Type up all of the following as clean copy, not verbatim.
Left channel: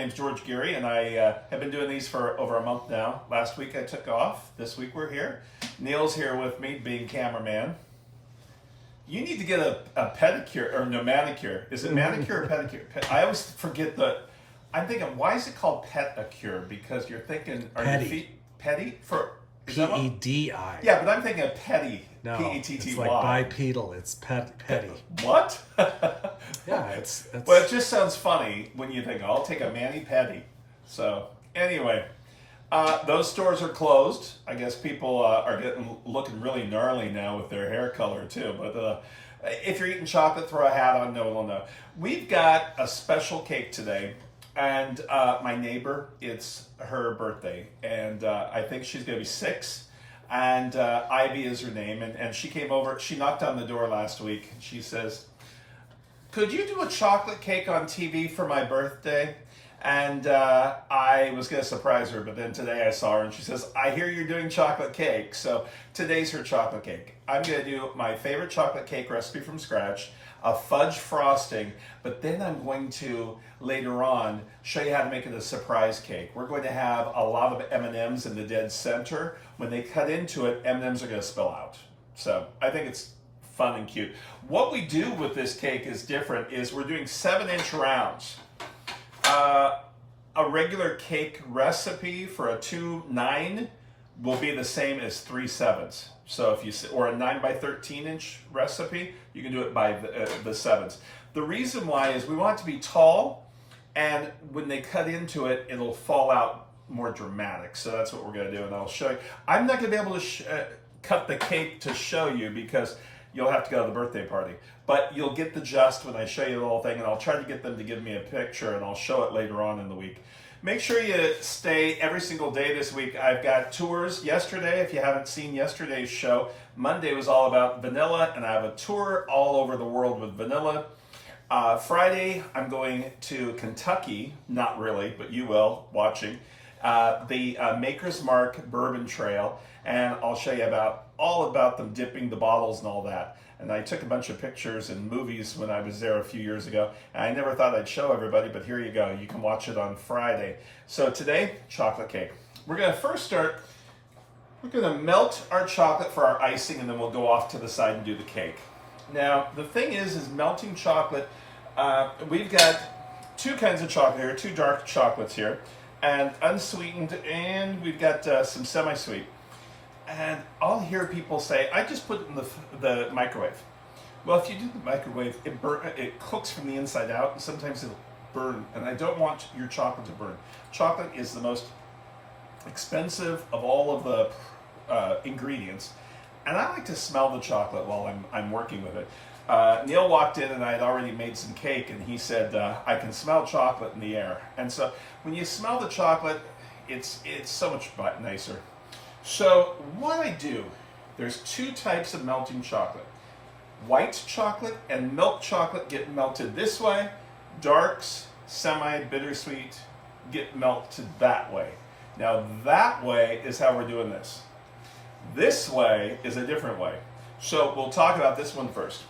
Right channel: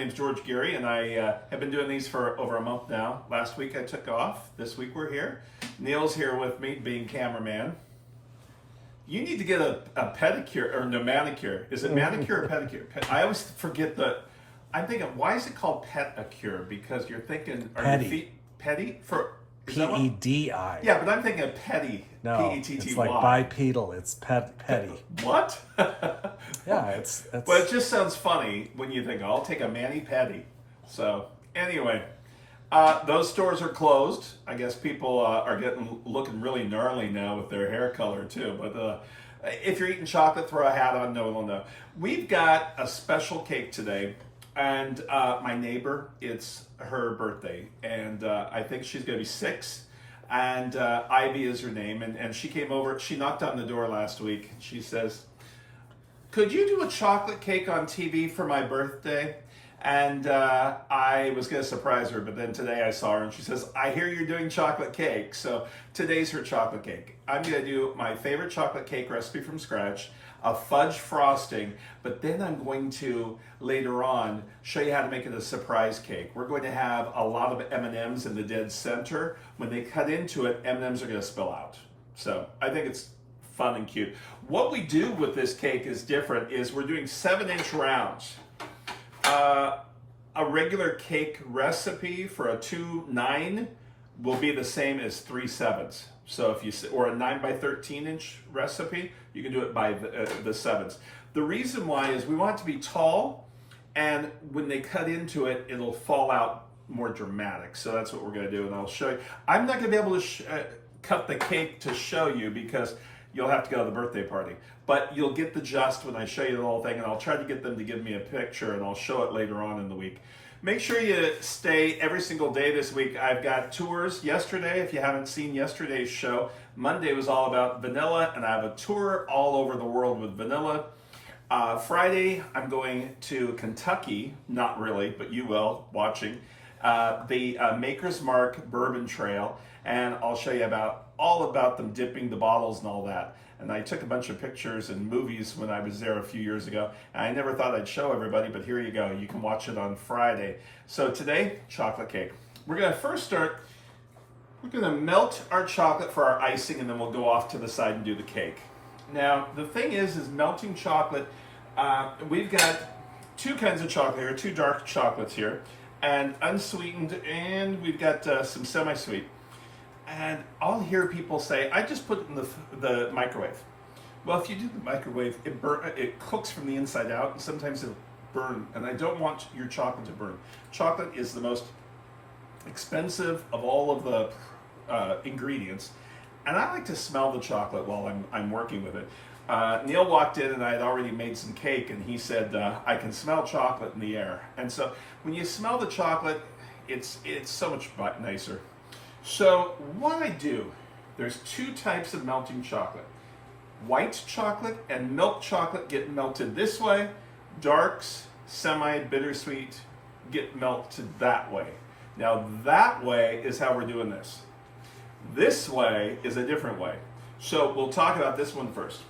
name's George Geary, and I have been doing these for over a month now. Last week I took off. This week we're here. Neil's here with me, being cameraman. You need to get a pedicure, or no, manicure. Is it manicure or pedicure? I always forget I'm thinking, why is it called pedicure? Because you're thinking, are your feet petty? P-E-D-I. Yeah, but I'm thinking of petty. No, P-E-T-T-Y. it's like bipedal. It's petty. What? Yeah, it's... But it just sounds funny when you think, I'll take a mani-pedi. So, anyway, those stores are closed. I guess people are looking really gnarly now with their hair color, too. But if you're eating chocolate, throw a hat on. No one will know. We've got a special cake today. And my neighbor, it's her birthday. And I think she's going to be 6. And Ivy is her name. And she came over. She knocked on the door last week. She says, could you do a chocolate cake on TV for my birthday? And I was going to surprise her, but then today I saw her and she says, I hear you're doing chocolate cake. So today's her chocolate cake. I'm going to do my favorite chocolate cake recipe from scratch, a fudge frosting, but then I'm going to, later on, show you how to make it a surprise cake. We're going to have a lot of M&Ms in the dead center. When they cut into it, M&Ms are going to spill out. So I think it's fun and cute. What we do with this cake is different, is we're doing 7-inch rounds. A regular cake recipe for a 2-9 will be the same as 3/7. So if you, or a 9 by 13 inch recipe, you can do it by the 7s. The reason why is we want it to be tall, and when they cut into it, it'll fall out more dramatic. So that's what we're going to do, and I'll show you. I'm not going to be able to cut the cake to show you because you'll have to go to the birthday party. But you'll get the gist when I show you the whole thing, and I'll try to get them to give me a picture, and I'll show it later on in the week. Make sure you stay every single day this week. I've got tours yesterday. If you haven't seen yesterday's show, Monday was all about vanilla, and I have a tour all over the world with vanilla. Friday, I'm going to Kentucky. Not really, but you will, watching. The Maker's Mark Bourbon Trail, and I'll show you all about them dipping the bottles and all that. And I took a bunch of pictures and movies when I was there a few years ago. And I never thought I'd show everybody, but here you go. You can watch it on Friday. So today, chocolate cake. We're going to first start, we're going to melt our chocolate for our icing, and then we'll go off to the side and do the cake. Now, the thing is melting chocolate, we've got 2 kinds of chocolate here, 2 dark chocolates here, and unsweetened, and we've got some semi-sweet. And I'll hear people say, I just put it in the microwave. Well, if you do the microwave, it cooks from the inside out, and sometimes it'll burn, and I don't want your chocolate to burn. Chocolate is the most expensive of all of the ingredients, and I like to smell the chocolate while I'm working with it. Neil walked in, and I had already made some cake, and he said, I can smell chocolate in the air. And so when you smell the chocolate, it's so much nicer. So what I do, there's 2 types of melting chocolate. White chocolate and milk chocolate get melted this way. Darks, semi-bittersweet, get melted that way. Now that way is how we're doing this. This way is a different way. So we'll talk about this one first.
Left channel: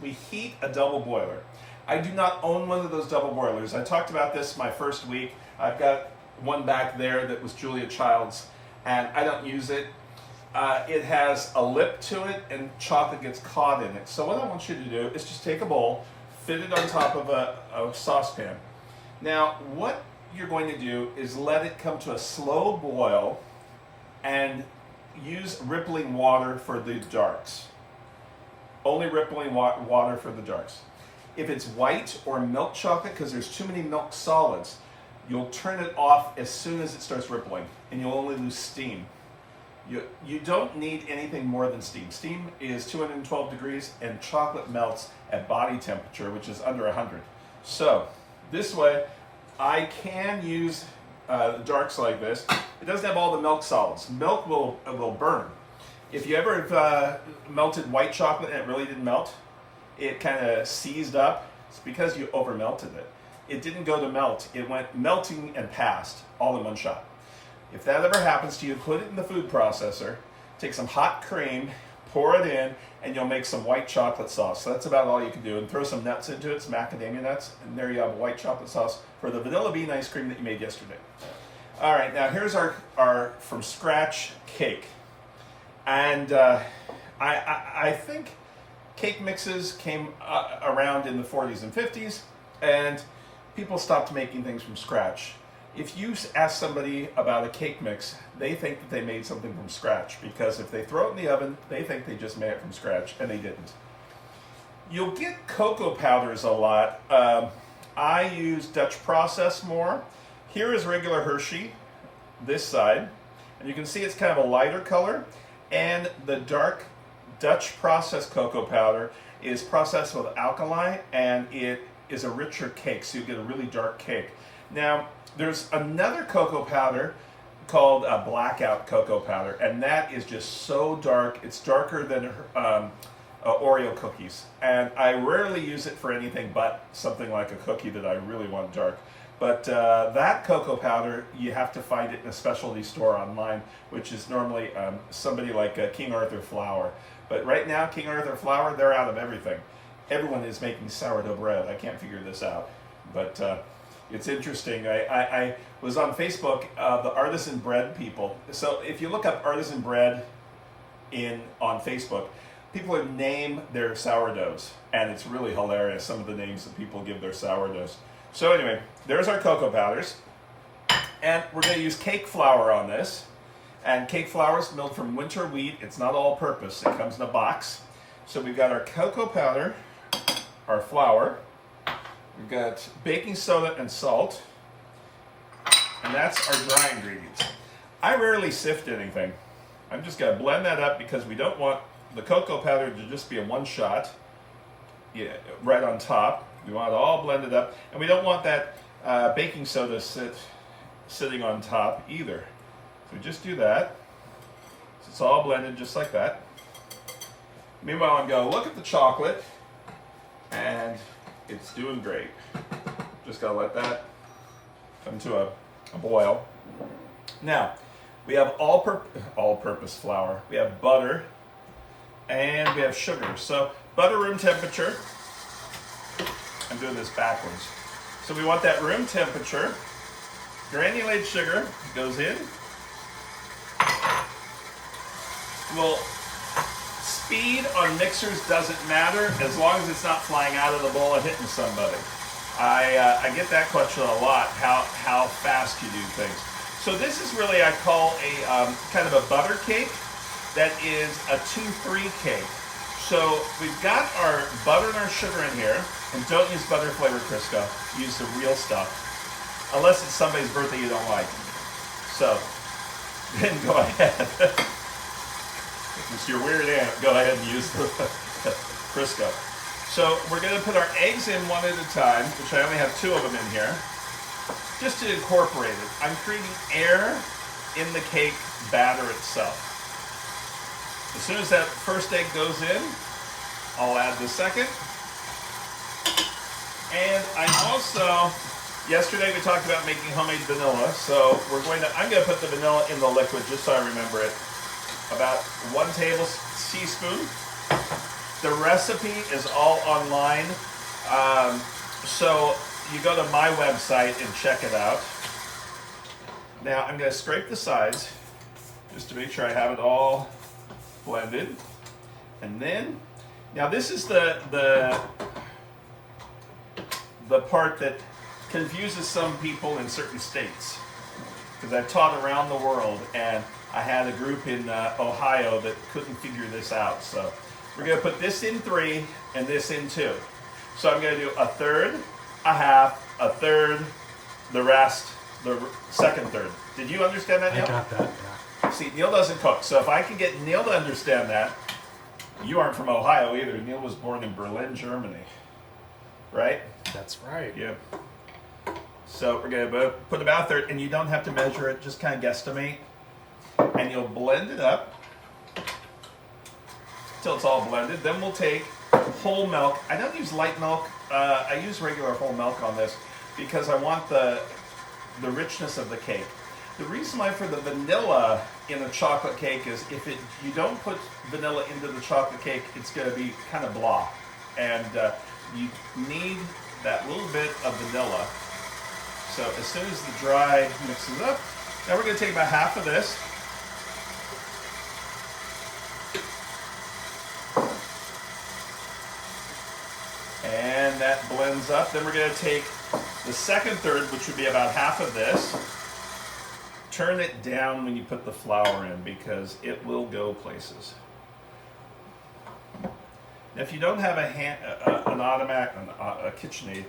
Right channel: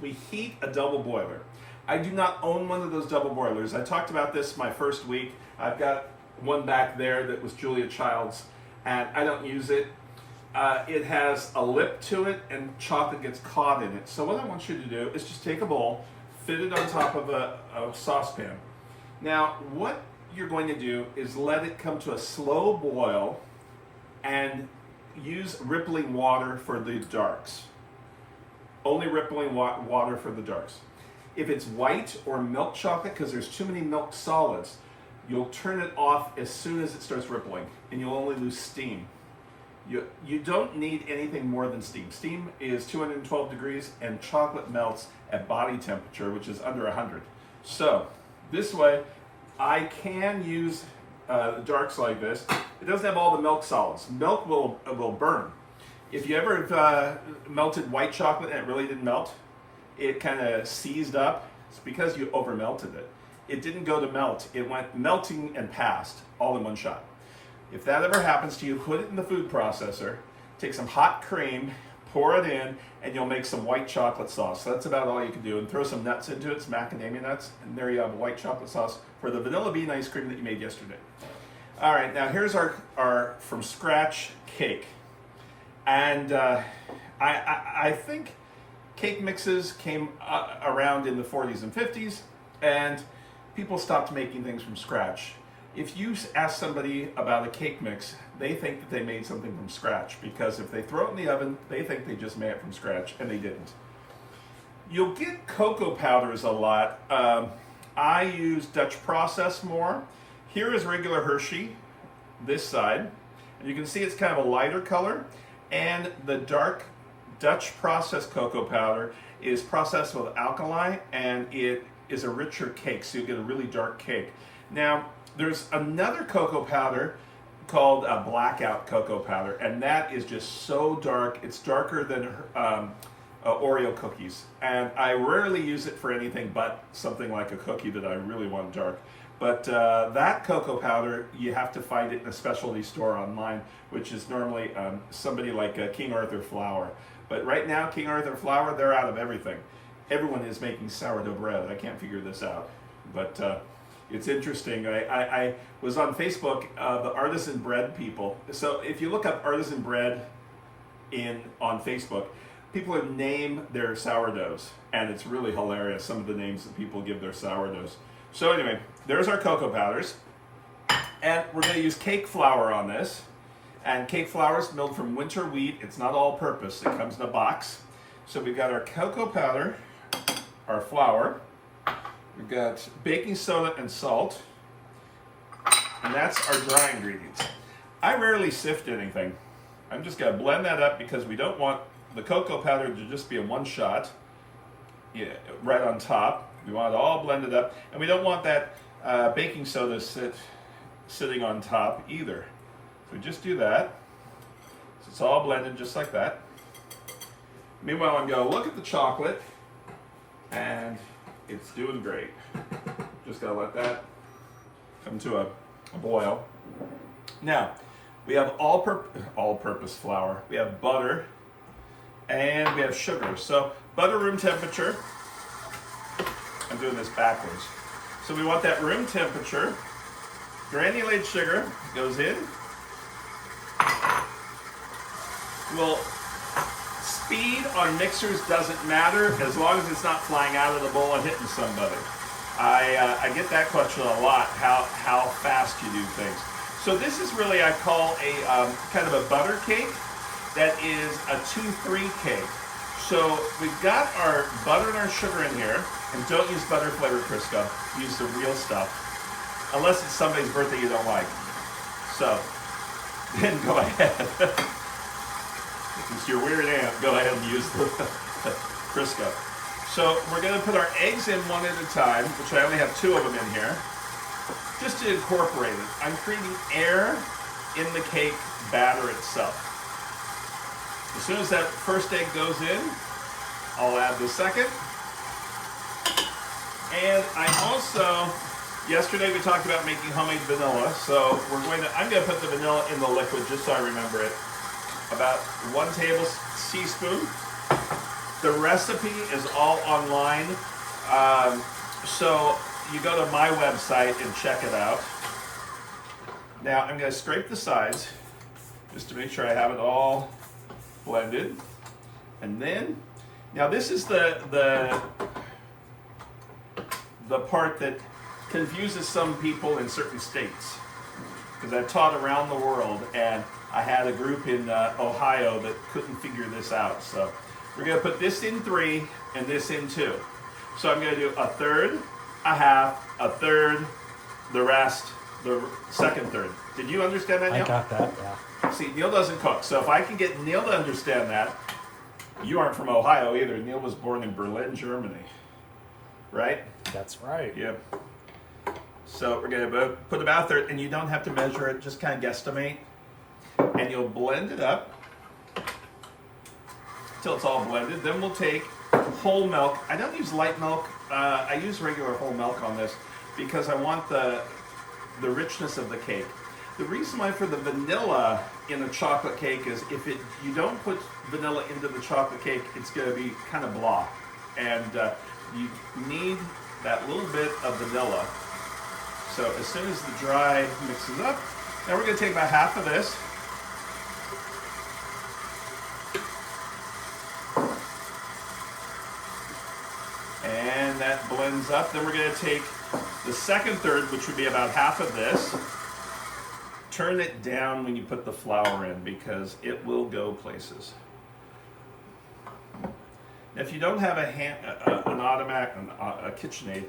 We heat a double boiler. I do not own one of those double boilers. I talked about this my first week. I've got one back there that was Julia Child's, and I don't use it. It has a lip to it, and chocolate gets caught in it. So what I want you to do is just take a bowl, fit it on top of a saucepan. Now, what you're going to do is let it come to a slow boil and use rippling water for the darks. Only rippling water for the darks. If it's white or milk chocolate, because there's too many milk solids, you'll turn it off as soon as it starts rippling, and you'll only lose steam. You don't need anything more than steam. Steam is 212 degrees, and chocolate melts at body temperature, which is under 100. So this way, I can use the darks like this. It doesn't have all the milk solids. Milk will burn. If you ever have melted white chocolate and it really didn't melt, it kind of seized up. It's because you over melted it. It didn't go to melt. It went melting and passed all in one shot. If that ever happens to you, put it in the food processor, take some hot cream, pour it in, and you'll make some white chocolate sauce. So that's about all you can do. And throw some nuts into it, some macadamia nuts, and there you have white chocolate sauce for the vanilla bean ice cream that you made yesterday. All right, now here's our from scratch cake. And I think cake mixes came around in the 40s and 50s, and people stopped making things from scratch. If you ask somebody about a cake mix, they think that they made something from scratch, because if they throw it in the oven, they think they just made it from scratch, and they didn't. You'll get cocoa powders a lot. I use Dutch process more. Here is regular Hershey, this side, and you can see it's kind of a lighter color, and the dark Dutch processed cocoa powder is processed with alkali, and it is a richer cake, so you get a really dark cake. Now, there's another cocoa powder called blackout cocoa powder, and that is just so dark. It's darker than Oreo cookies, and I rarely use it for anything but something like a cookie that I really want dark. But that cocoa powder, you have to find it in a specialty store online, which is normally somebody like King Arthur Flour. But right now, King Arthur Flour, they're out of everything. Everyone is making sourdough bread. I can't figure this out, but it's interesting. I was on Facebook, the artisan bread people. So if you look up artisan bread on Facebook, people name their sourdoughs, and it's really hilarious, some of the names that people give their sourdoughs. So anyway, there's our cocoa powders, and we're going to use cake flour on this. And cake flour is milled from winter wheat. It's not all-purpose. It comes in a box. So we've got our cocoa powder, our flour. We've got baking soda and salt, and that's our dry ingredients. I rarely sift anything. I'm just going to blend that up because we don't want the cocoa powder to just be a one shot right on top. We want it all blended up, and we don't want that baking soda sitting on top either. So we just do that. So it's all blended just like that. Meanwhile, I'm going to look at the chocolate, and it's doing great. Just gotta let that come to a boil. Now, we have all-purpose flour. We have butter, and we have sugar. So butter room temperature. I'm doing this backwards. So we want that room temperature. Granulated sugar goes in. Well, speed on mixers doesn't matter as long as it's not flying out of the bowl and hitting somebody. I get that question a lot, how fast you do things. So this is really, I call a kind of a butter cake that is a 2-3 cake. So we've got our butter and our sugar in here, and don't use butter flavored Crisco. Use the real stuff, unless it's somebody's birthday you don't like. So then go ahead. If it's your weird aunt, go ahead and use the Crisco. So we're going to put our eggs in one at a time, which I only have 2 of them in here, just to incorporate it. I'm creating air in the cake batter itself. As soon as that first egg goes in, I'll add the second. And I also, yesterday we talked about making homemade vanilla, so I'm going to put the vanilla in the liquid just so I remember it. About 1 tablespoon. The recipe is all online, so you go to my website and check it out. Now I'm going to scrape the sides just to make sure I have it all blended, and then now this is the part that confuses some people in certain states, because I've taught around the world, and I had a group in Ohio that couldn't figure this out. So we're going to put this in 3 and this in 2. So I'm going to do a third, a half, a third, the rest, the second third. Did you understand that, Neil? I got that, yeah. See, Neil doesn't cook. So if I can get Neil to understand that, you aren't from Ohio either. Neil was born in Berlin, Germany. Right? That's right. Yeah. So we're going to put about a third, and you don't have to measure it, just kind of guesstimate. And you'll blend it up till it's all blended. Then we'll take whole milk. I don't use light milk. I use regular whole milk on this because I want the richness of the cake. The reason why for the vanilla in a chocolate cake is you don't put vanilla into the chocolate cake, it's going to be kind of blah. And you need that little bit of vanilla. So as soon as the dry mixes up, now we're going to take about half of this. And that blends up. Then we're going to take the second third, which would be about half of this. Turn it down when you put the flour in because it will go places. Now, if you don't have an automatic, a KitchenAid,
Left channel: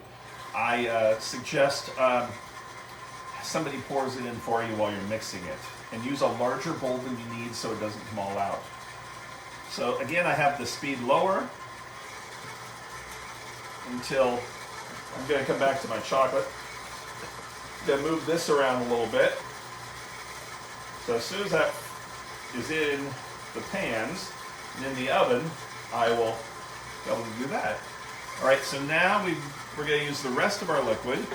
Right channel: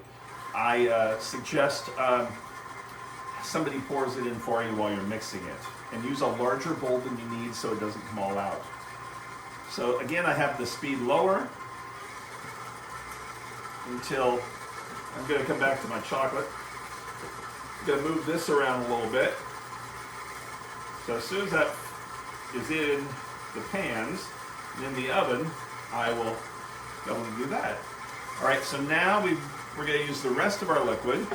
I suggest somebody pours it in for you while you're mixing it. And use a larger bowl than you need so it doesn't come all out. So again, I have the speed lower until I'm going to come back to my chocolate. I'm going to move this around a little bit. So as soon as that is in the pans and in the oven, I will be able to do that. All right, so now we're going to use the rest of our liquid.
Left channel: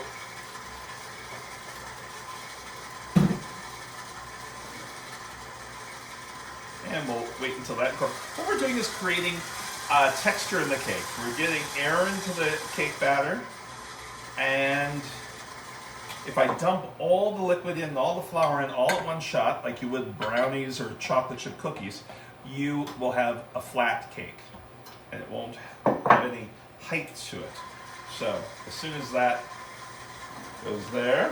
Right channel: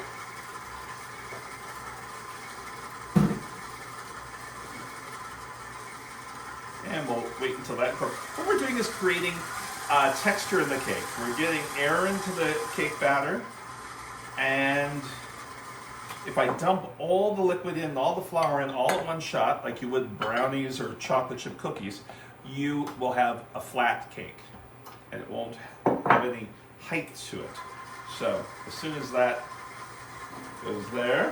And we'll wait until that cooks. What we're doing is creating texture in the cake. We're getting air into the cake batter, and if I dump all the liquid in, all the flour in, all at one shot, like you would brownies or chocolate chip cookies, you will have a flat cake, and it won't have any height to it. So as soon as that goes there,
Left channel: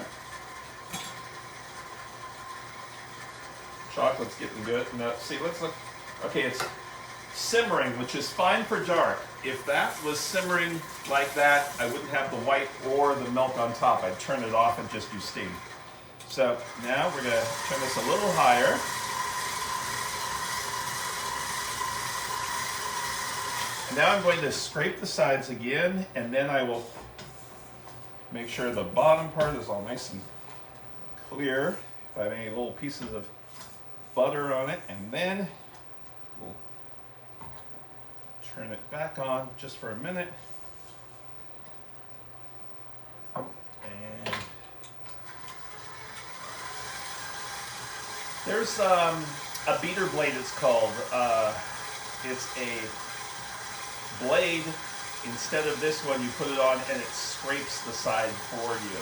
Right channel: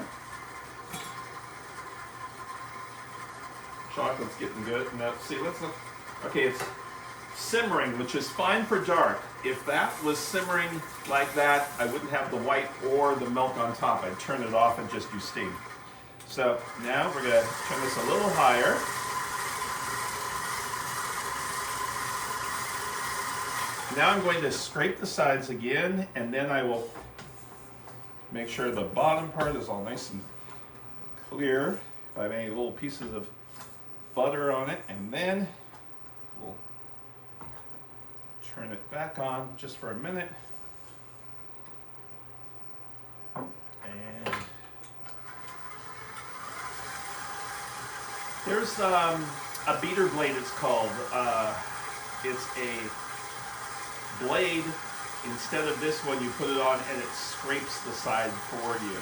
chocolate's getting good. Now, see, let's look. Okay, it's simmering, which is fine for dark. If that was simmering like that, I wouldn't have the white or the milk on top. I'd turn it off and just do steam. So now we're going to turn this a little higher. Now I'm going to scrape the sides again, and then I will make sure the bottom part is all nice and clear. If I have any little pieces of butter on it, and then we'll turn it back on just for a minute. And there's a beater blade, it's called. It's a blade. Instead of this one, you put it on and it scrapes the side for you.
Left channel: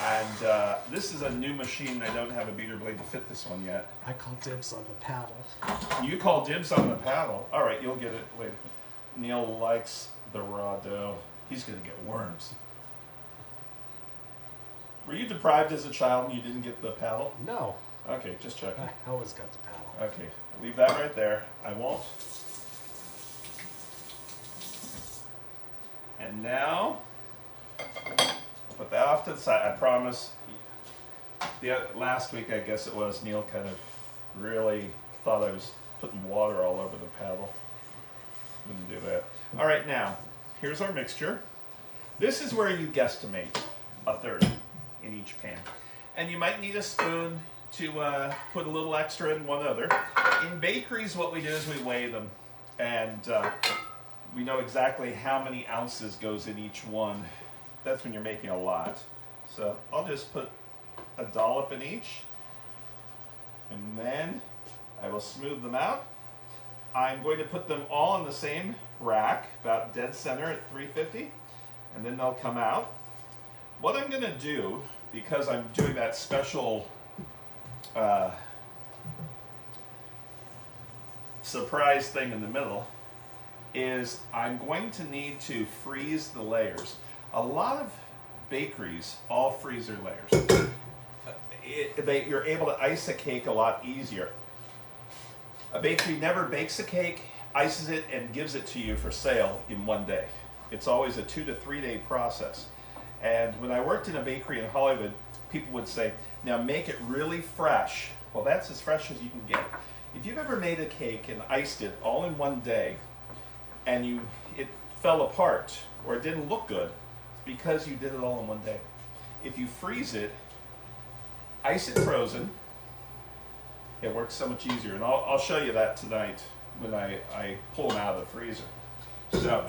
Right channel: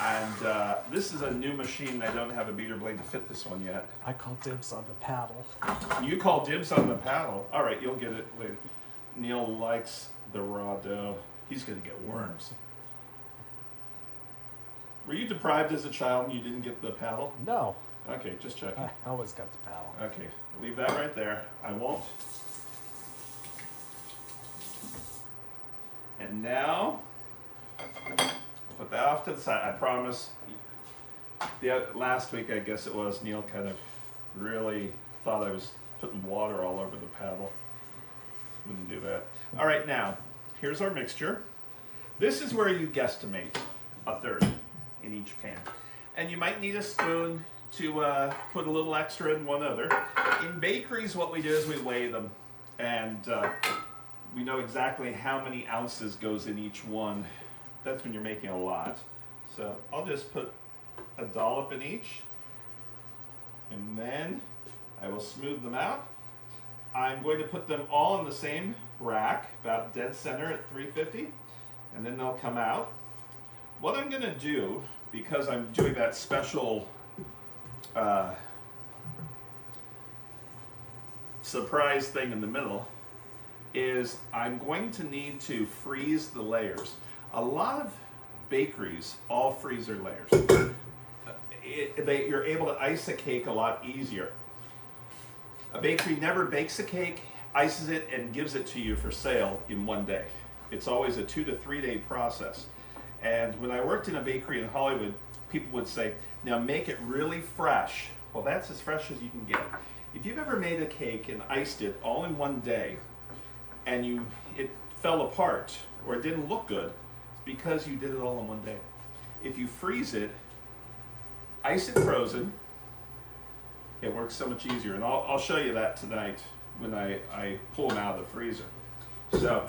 And this is a new machine. I don't have a beater blade to fit this one yet. I call dibs on the paddle. You call dibs on the paddle. All right, you'll get it later. Neil likes the raw dough. He's going to get worms. Were you deprived as a child and you didn't get the paddle? No. Okay, just checking. I always got the paddle. Okay, leave that right there. I won't. And now, put that off to the side. I promise. Last week, I guess it was, Neil kind of really thought I was putting water all over the paddle. Wouldn't do that. All right, now, here's our mixture. This is where you guesstimate a third in each pan. And you might need a spoon to put a little extra in one other. In bakeries, what we do is we weigh them. And we know exactly how many ounces goes in each one. That's when you're making a lot. So I'll just put a dollop in each. And then I will smooth them out. I'm going to put them all in the same rack, about dead center at 350, and then they'll come out. What I'm going to do, because I'm doing that special surprise thing in the middle, is I'm going to need to freeze the layers. A lot of bakeries all freeze their layers. You're able to ice a cake a lot easier. A bakery never bakes a cake, ices it, and gives it to you for sale in one day. It's always a 2 to 3 day process. And when I worked in a bakery in Hollywood, people would say, now make it really fresh. Well, that's as fresh as you can get. If you've ever made a cake and iced it all in one day, and it fell apart, or it didn't look good, it's because you did it all in one day. If you freeze it, ice it frozen, it works so much easier, and I'll show you that tonight when I pull them out of the freezer. So,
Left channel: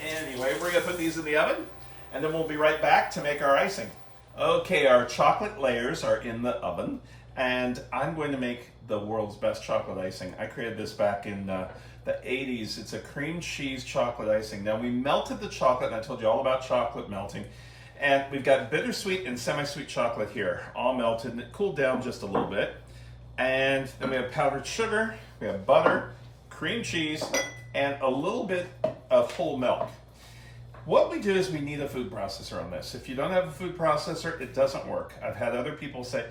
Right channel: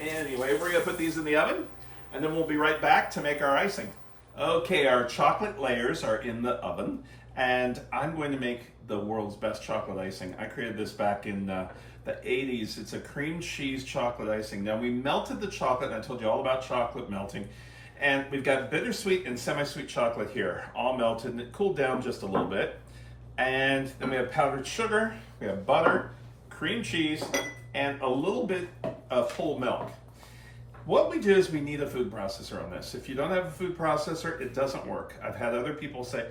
anyway, we're gonna put these in the oven, and then we'll be right back to make our icing. Okay, our chocolate layers are in the oven, and I'm going to make the world's best chocolate icing. I created this back in the 80s. It's a cream cheese chocolate icing. Now we melted the chocolate, and I told you all about chocolate melting. And we've got bittersweet and semi-sweet chocolate here, all melted, and it cooled down just a little bit. And then we have powdered sugar, we have butter, cream cheese, and a little bit of whole milk. What we do is we need a food processor on this. If you don't have a food processor, it doesn't work. I've had other people say,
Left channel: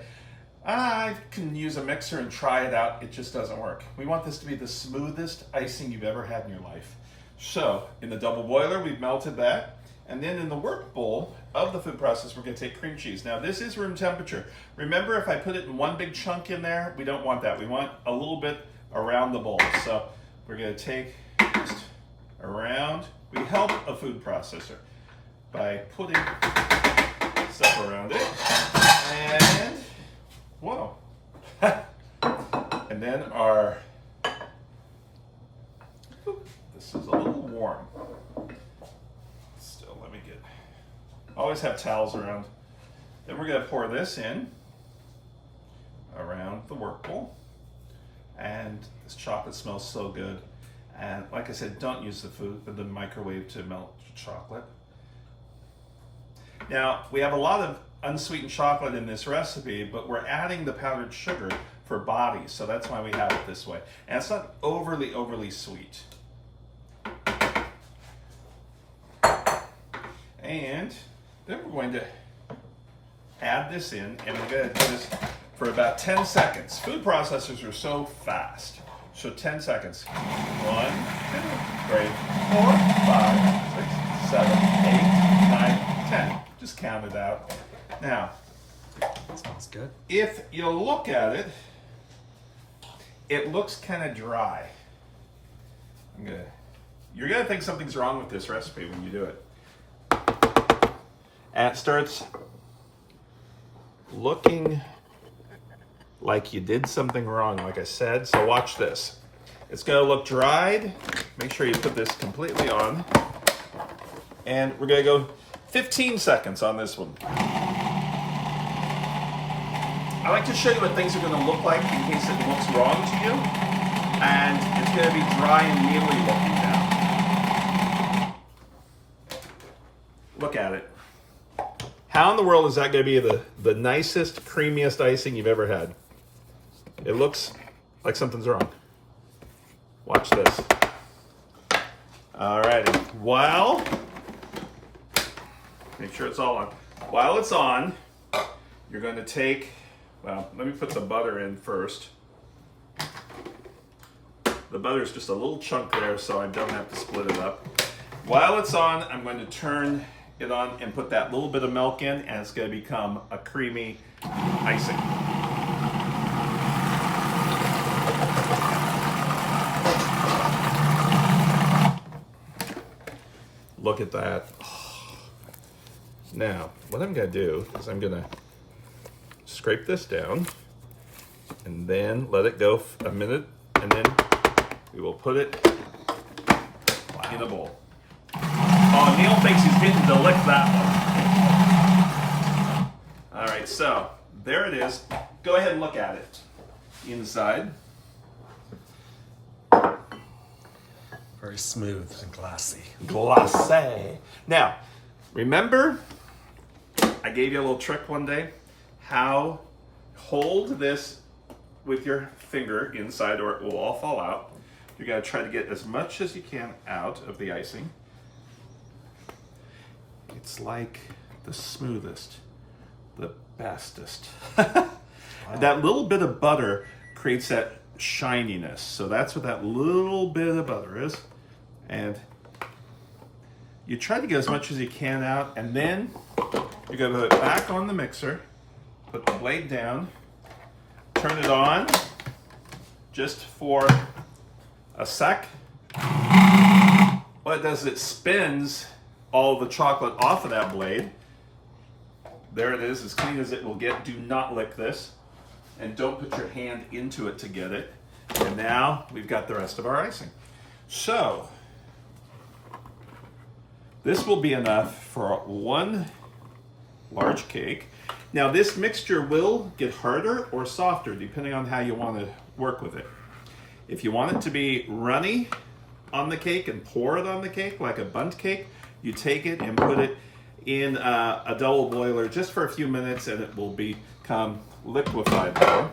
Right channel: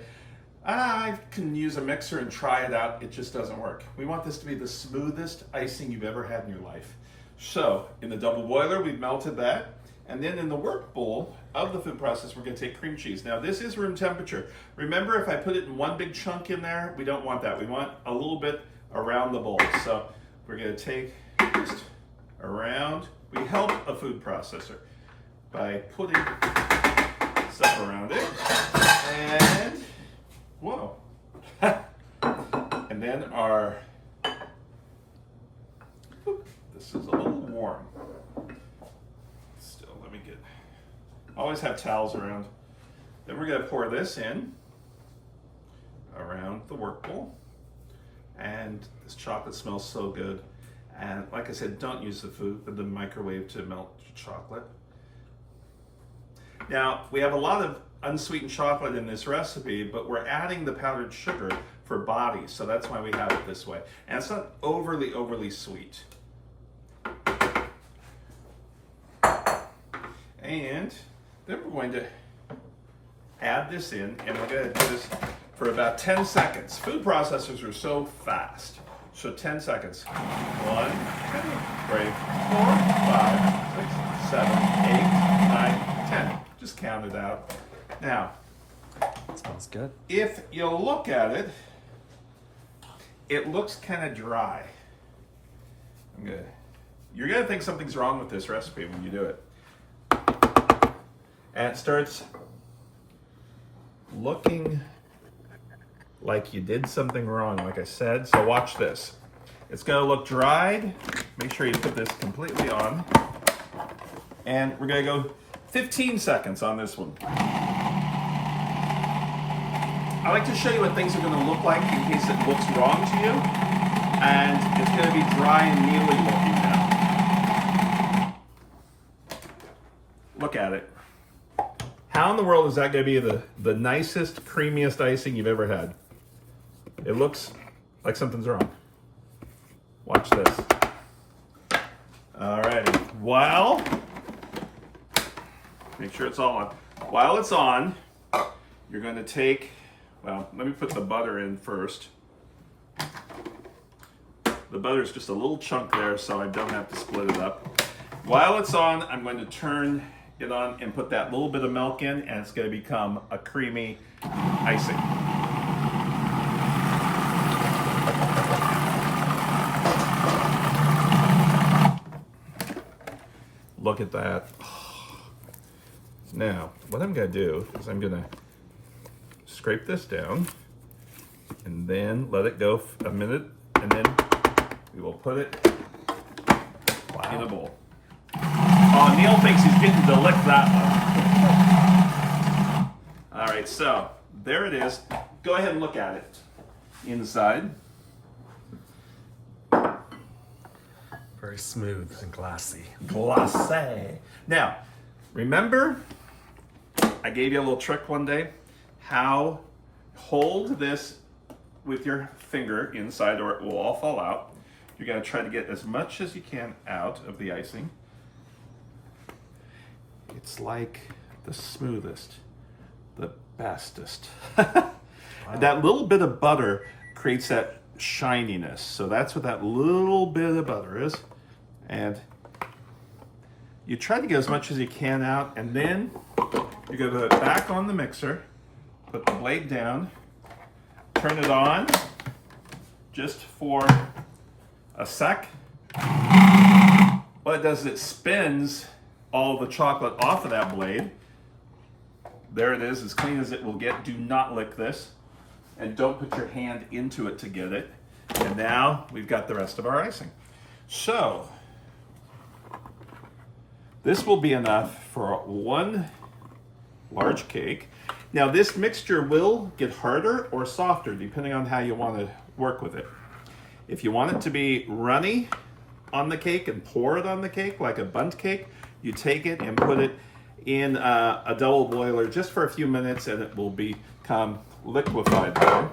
I can use a mixer and try it out. It just doesn't work. We want this to be the smoothest icing you've ever had in your life. So in the double boiler, we've melted that. And then in the work bowl of the food processor, we're gonna take cream cheese. Now this is room temperature. Remember, if I put it in one big chunk in there, we don't want that. We want a little bit around the bowl. So we're gonna take just around. We help a food processor by putting stuff around it. And, whoa. And then our, this is a little warm. Still, let me get, always have towels around. Then we're gonna pour this in around the work bowl. And this chocolate smells so good. And like I said, don't use the microwave to melt chocolate. Now, we have a lot of unsweetened chocolate in this recipe, but we're adding the powdered sugar for body, so that's why we have it this way. And it's not overly sweet. And then we're going to add this in, and we're going to do this for about 10 seconds. Food processors are so fast. So 10 seconds. 1, 2, 3, 4, 5, 6, 7, 8, 9, 10. Just count it out. Now, That smells good. if you look at it, it looks kind of dry. You're gonna think something's wrong with this recipe when you do it. And it starts looking like you did something wrong, like I said. So watch this. It's gonna look dried. Make sure you put this completely on. And we're gonna go 15 seconds on this one. I like to show you what things are gonna look like in case it looks wrong to you. And it's gonna be dry and mealy looking now. Look at it. How in the world is that gonna be the nicest, creamiest icing you've ever had? It looks like something's wrong. Watch this. All right, while, make sure it's all on. While it's on, you're going to take, well, let me put the butter in first. The butter is just a little chunk there, so I don't have to split it up. While it's on, I'm going to turn it on and put that little bit of milk in, and it's going to become a creamy icing. Look at that. Now, what I'm gonna do is I'm gonna scrape this down and then let it go a minute, and then we will put it in a bowl. Oh, Neil thinks he's getting to lick that one. All right, so there it is. Go ahead and look at it inside. Very smooth and glassy. Glacé. Now, remember, I gave you a little trick one day. How hold this with your finger inside, or it will all fall out. You're gonna try to get as much as you can out of the icing. It's like the smoothest, the bestest. Wow. That little bit of butter creates that shininess. So that's what that little bit of butter is. And you try to get as much as you can out, and then you're gonna put it back on the mixer, put the blade down, turn it on just for a sec. What it does is it spins all the chocolate off of that blade. There it is, as clean as it will get. Do not lick this, and don't put your hand into it to get it. And now we've got the rest of our icing. So this will be enough for one large cake. Now this mixture will get harder or softer depending on how you want to work with it. If you want it to be runny on the cake and pour it on the cake like a bundt cake, you take it and put it in a double boiler just for a few minutes and it will become liquefied there.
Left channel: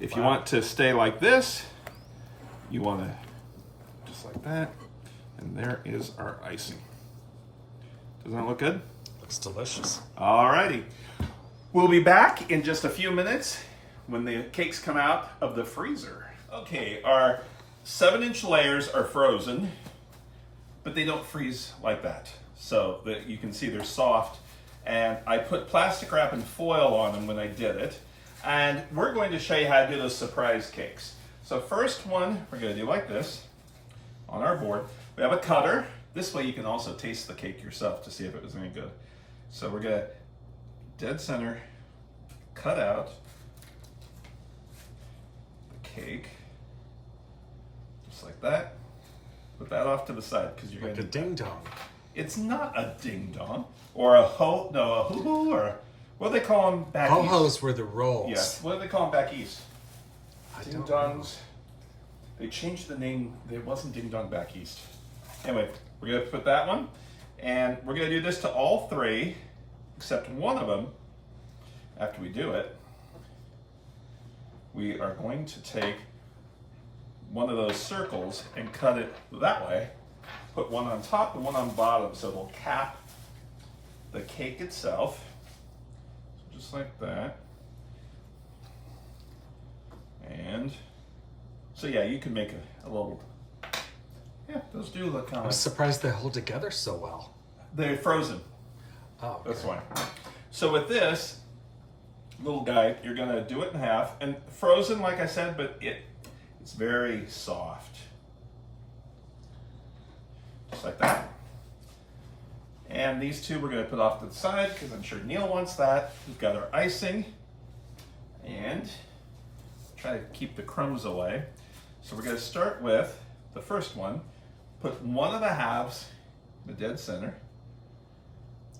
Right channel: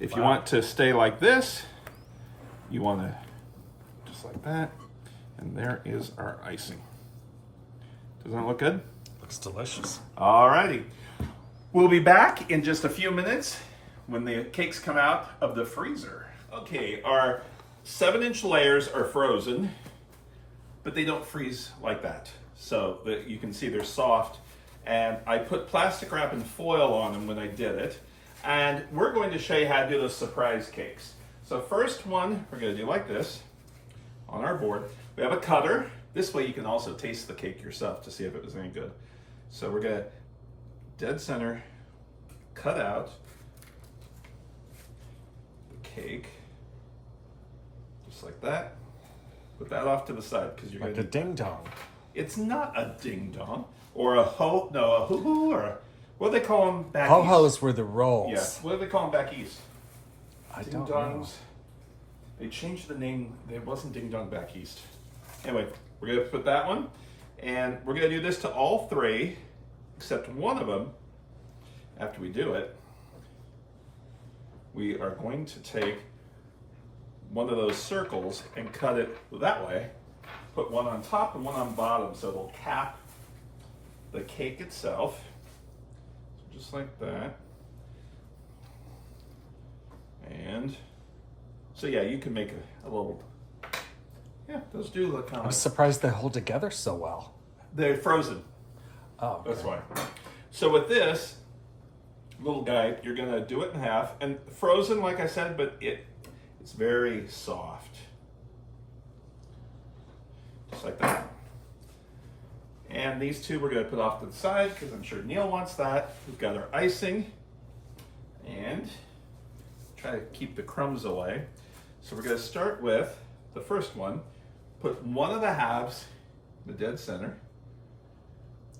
If you want to stay like this, you want to just like that. And there is our icing. Doesn't that look good? Looks delicious. Alrighty. We'll be back in just a few minutes when the cakes come out of the freezer. Okay, our 7-inch layers are frozen, but they don't freeze like that. So that you can see they're soft. And I put plastic wrap and foil on them when I did it. And we're going to show you how to do those surprise cakes. So first one, we're going to do like this on our board. We have a cutter. This way you can also taste the cake yourself to see if it was any good. So we're going to dead center cut out the cake just like that. Put that off to the side because you're going to Like a ding dong. It's not a ding dong or a hoo-hoo, or what do they call them back east? Ho-hos were the rolls. Yeah, what do they call them back east? I Ding don't dongs. They changed the name. It wasn't ding dong back east. Anyway, we're going to put that one. And we're going to do this to all three, except one of them. After we do it, we are going to take one of those circles and cut it that way. Put one on top and one on bottom so it'll cap the cake itself. So just like that. And so yeah, you can make a little, yeah, those do look kind I'm of surprised they hold together so well. they're frozen. Oh, That's why. So with this little guy, you're gonna do it in half and frozen, like I said, but it's very soft. Just like that. And these two we're gonna put off to the side because I'm sure Neil wants that. We've got our icing and try to keep the crumbs away. So we're gonna start with the first one. Put one of the halves in the dead center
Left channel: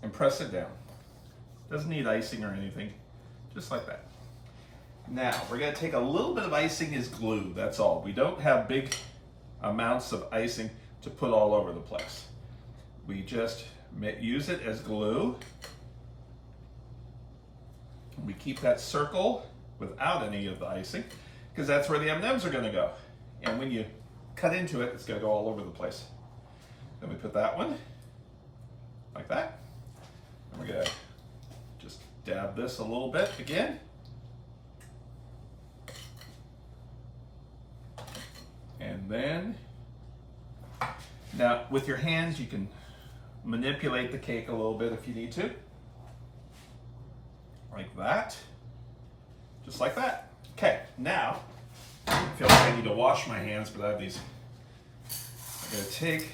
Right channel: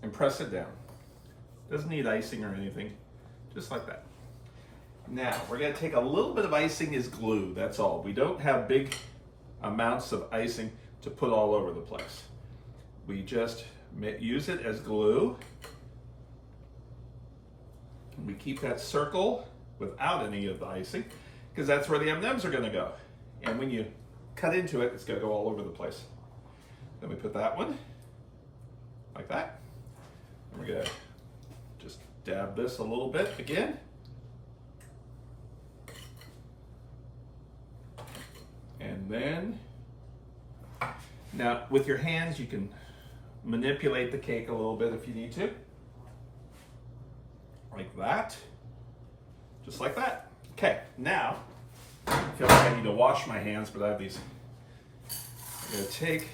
and press it down. Doesn't need icing or anything, just like that. Now, we're gonna take a little bit of icing as glue, that's all. We don't have big amounts of icing to put all over the place. We just use it as glue. We keep that circle without any of the icing, because that's where the M&Ms are gonna go. And when you cut into it, it's gonna go all over the place. Then we put that one, like that. And we're gonna just dab this a little bit again. And then, now with your hands, you can manipulate the cake a little bit if you need to. Like that. Just like that. Okay, now, I feel like I need to wash my hands, but I have these. I'm gonna take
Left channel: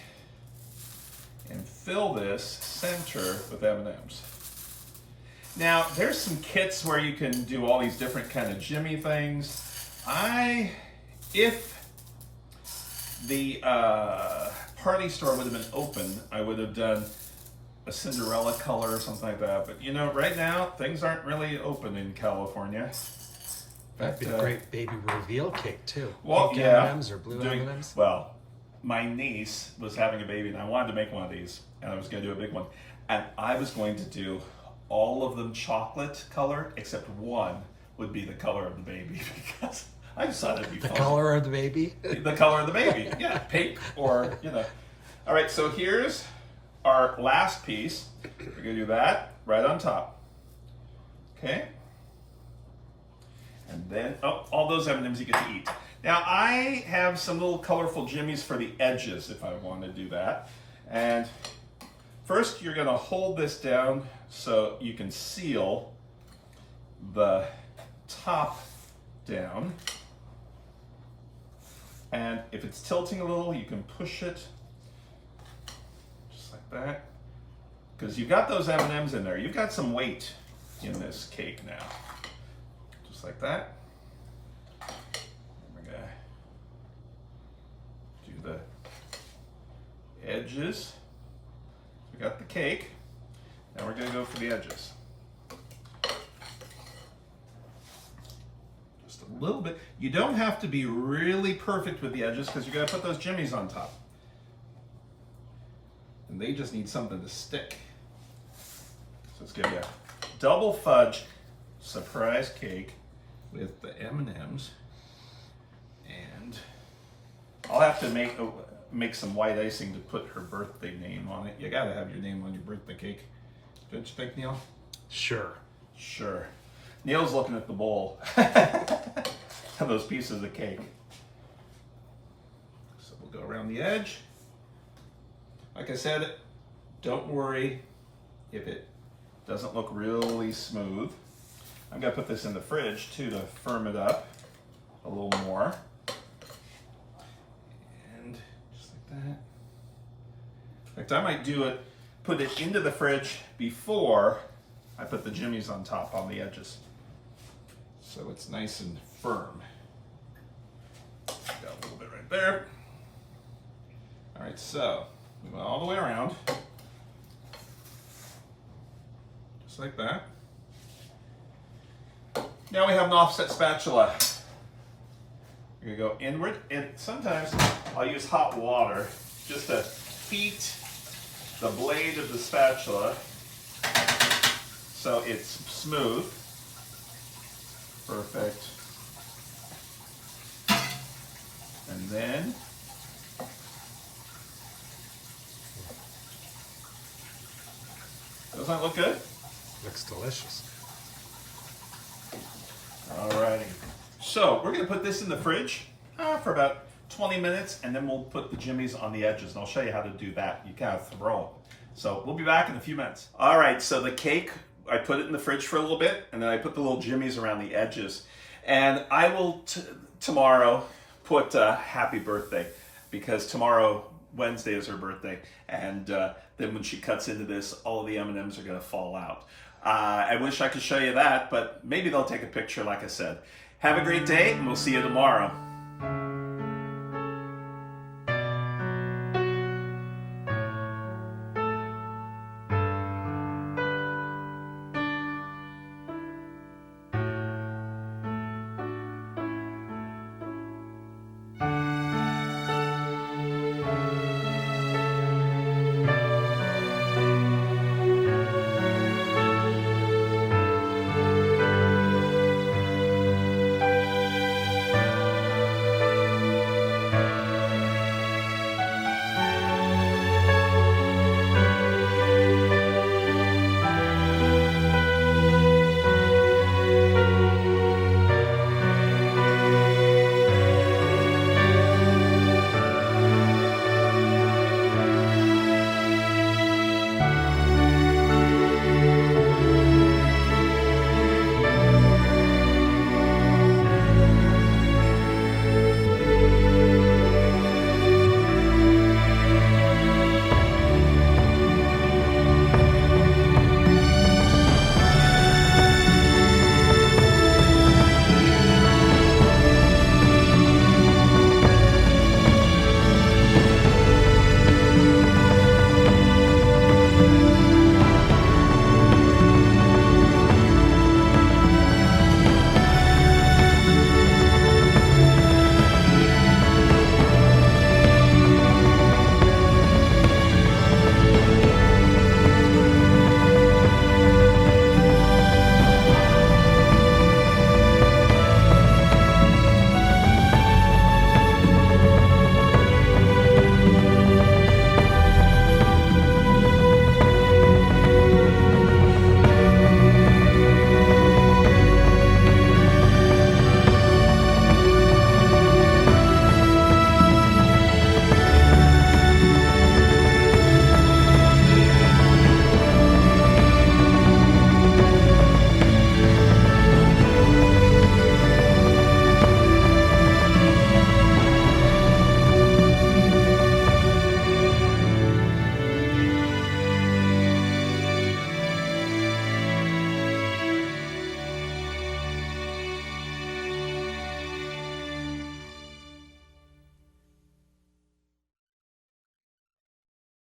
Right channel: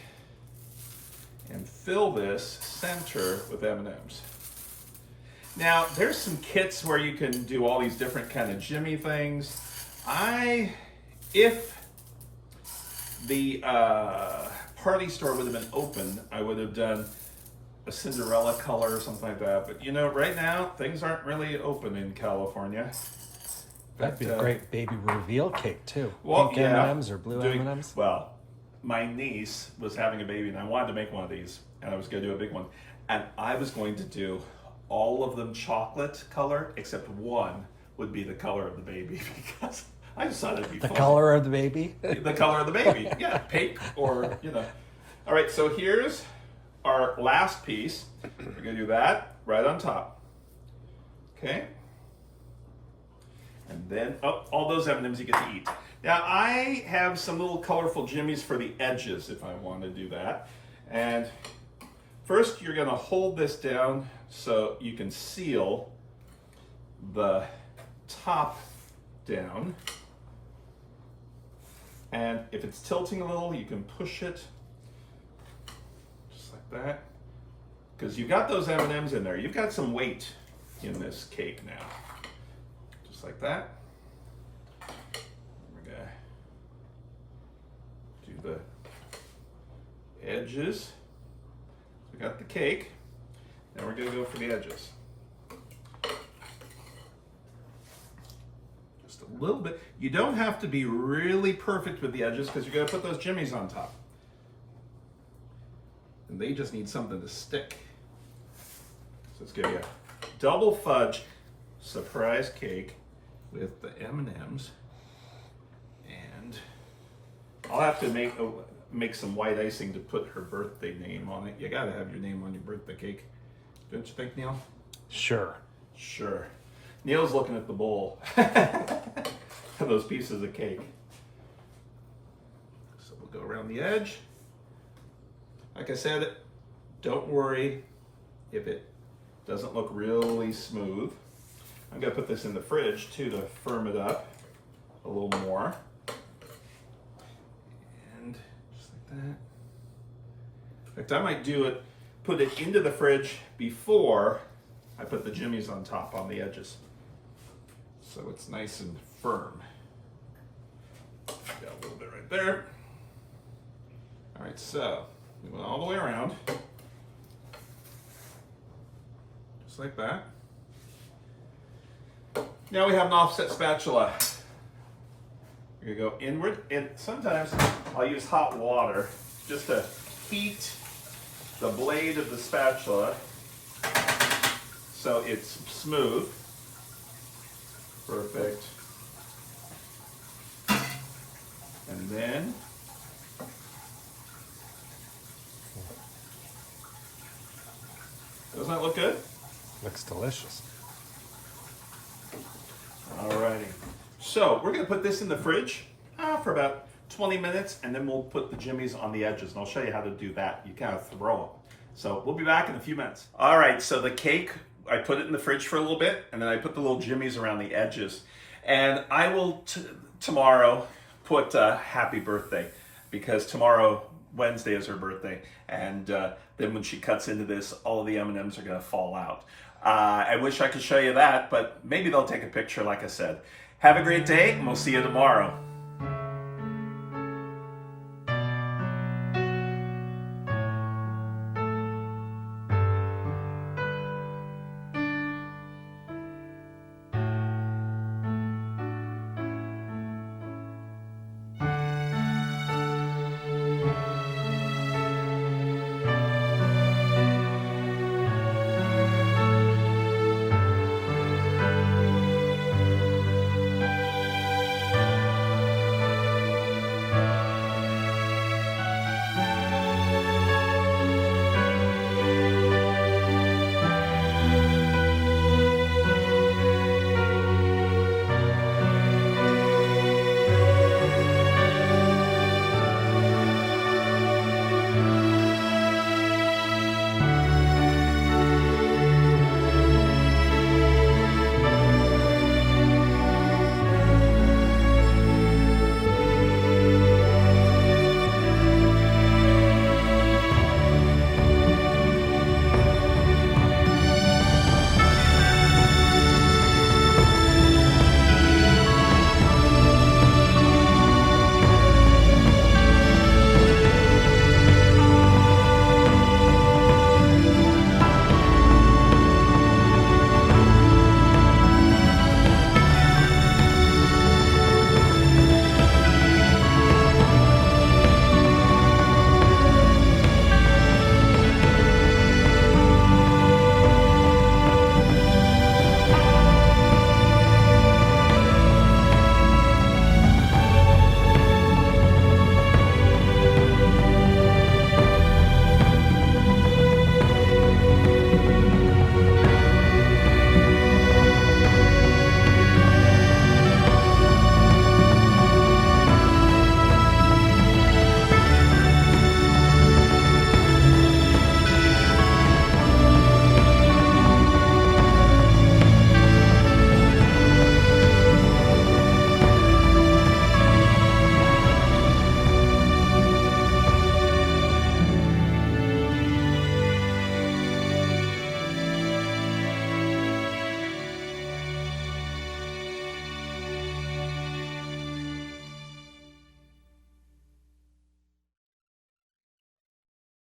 and fill this center with M&Ms. Now, there's some kits where you can do all these different kind of jimmy things. If the party store would have been open, I would have done a Cinderella color or something like that. But you know, right now, things aren't really open in California. That'd be a great baby reveal cake too. Well, Pink yeah. M&Ms or blue doing, M&Ms. well, my niece was having a baby and I wanted to make one of these and I was going to do a big one. And I was going to do all of them chocolate color, except one would be the color of the baby because I just thought it'd be The fun. color of the baby. The color of the baby, yeah, pink or, you know. All right, so here's our last piece. We're gonna do that right on top. Okay. And then, oh, all those M&Ms you get to eat. Now I have some little colorful jimmies for the edges if I want to do that. And first you're gonna hold this down so you can seal the top down. And if it's tilting a little, you can push it just like that. Because you've got those M&Ms in there. You've got some weight in this cake now. Just like that. We're gonna do the edges. We got the cake. Now we're gonna go for the edges. Just a a little bit. You don't have to be really perfect with the edges because you're going to put those jimmies on top. And they just need something to stick. So let's give you a double fudge surprise cake with the M&Ms. And I'll have to make some white icing to put her birthday name on it. You got to have your name on your birthday cake. Don't you think, Neil? Sure. Sure. Neil's looking at the bowl and those pieces of cake. So we'll go around the edge. Like I said, don't worry if it doesn't look really smooth. I'm gonna put this in the fridge too to firm it up a little more. And just like that. In fact, I might put it into the fridge before I put the jimmies on top on the edges. So it's nice and firm. Got a little bit right there. All right, so we went all the way around. Just like that. Now we have an offset spatula. You're gonna go inward, and sometimes I'll use hot water just to heat the blade of the spatula so it's smooth. Perfect. And then doesn't that look good? Looks delicious. Alrighty. So we're gonna put this in the fridge for about 20 minutes, and then we'll put the jimmies on the edges, and I'll show you how to do that. You kind of throw them. So we'll be back in a few minutes. All right, so the cake, I put it in the fridge for a little bit, and then I put the little jimmies around the edges. And I will tomorrow put happy birthday, because tomorrow, Wednesday, is her birthday. And then when she cuts into this, all of the M&Ms are gonna fall out. I wish I could show you that, but maybe they'll take a picture like I said. Have a great day, and we'll see you tomorrow.